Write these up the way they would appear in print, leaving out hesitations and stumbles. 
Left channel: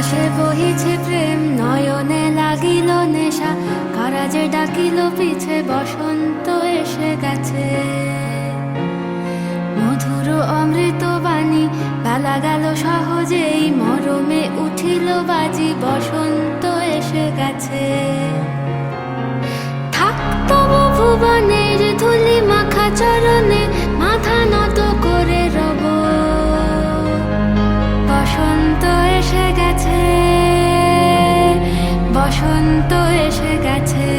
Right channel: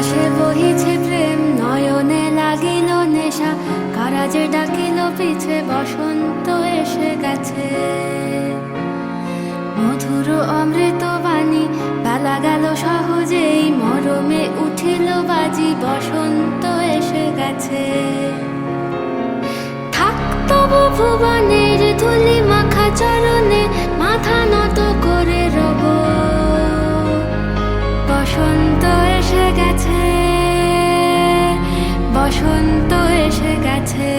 বাতাসে বহিছে প্রেম, নয়নে লাগিল নেশা, কারাজে ডাকিল পিছে, বসন্ত এসে গেছে। মধুর অমৃত বাণী, বেলা গেল সহজেই, মরমে উঠিল বাজি, বসন্ত এসে গেছে। থাক তবু ভুবনের ধুলি মাখা চরণে, মাথা নত করে রব। বসন্ত এসে গেছে, বসন্ত এসে গেছে।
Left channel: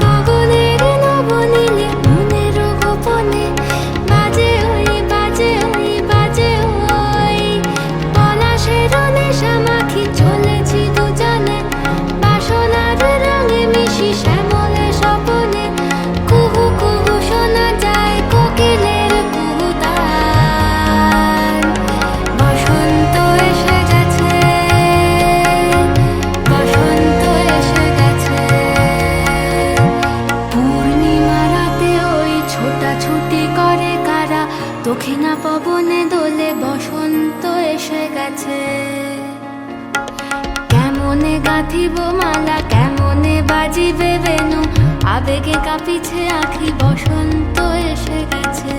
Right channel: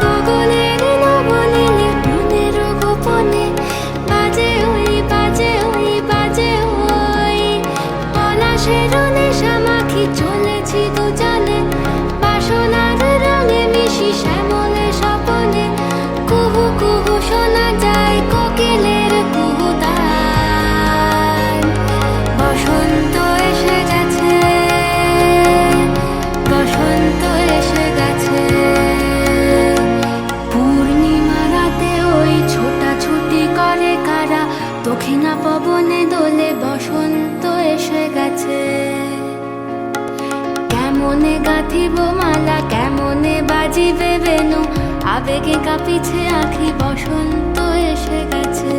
গগনের নবনীলে মনের গোপনে, বাজে ওই বাজে ওই বাজে ওই, পলাশের নেশা মাখি চলেছি দুজনে, বাসনার রঙে মিশি শ্যামলে স্বপনে। কুহু কুহু শোনা যায় কোকিলের কুহুতান। বসন্ত এসে গেছে, বসন্ত এসে গেছে। পূর্ণিমা রাতে ওই ছোটাছুটি করে কারা, দক্ষিণা পবনে দোলে, বসন্ত এসে গেছে। কেমনে গাঁথিব মালা, কেমনে বাজিবে বেনু, আবেগে কাঁপিছে আঁখি, বসন্ত এসে গেছে।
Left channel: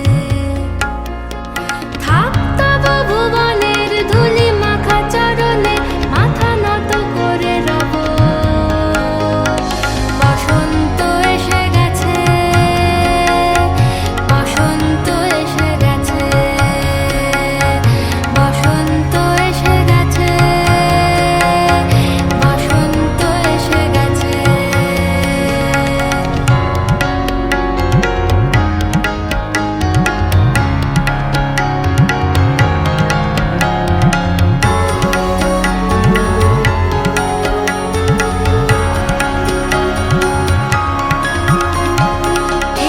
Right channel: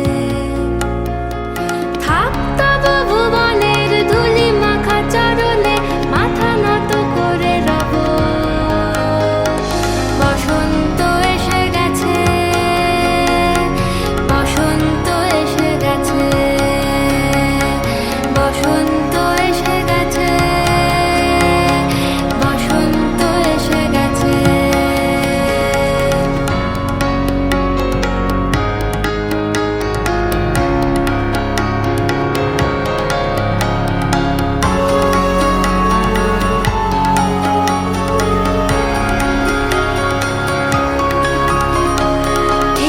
থাক তবু ভুবনের ধুলি মাখা চরণে, মাথা নত করে রব। বসন্ত এসে গেছে, বসন্ত এসে গেছে, বসন্ত এসে গেছে, বসন্ত এসে গেছে।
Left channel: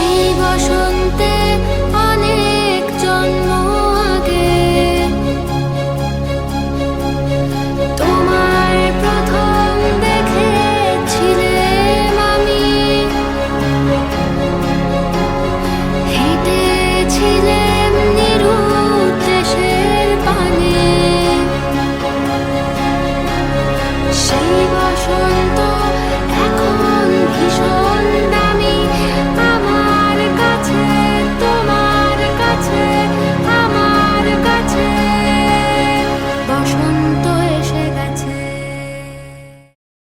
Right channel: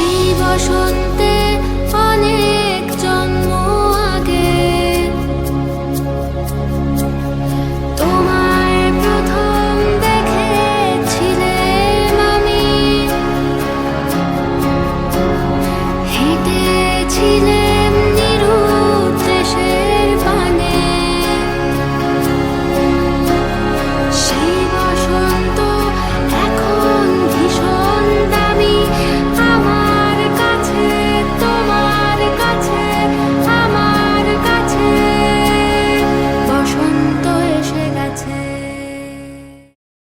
এই বসন্তে অনেক জন্ম আগে, তোমায় প্রথম দেখেছিলাম আমি। হেঁটেছিলাম নিরুৎ দেশের পানে, সেই বসন্ত এখন ভীষণ দামি আমার কাছে, তোমার কাছে, আমার কাছে। বসন্ত এসে গেছে।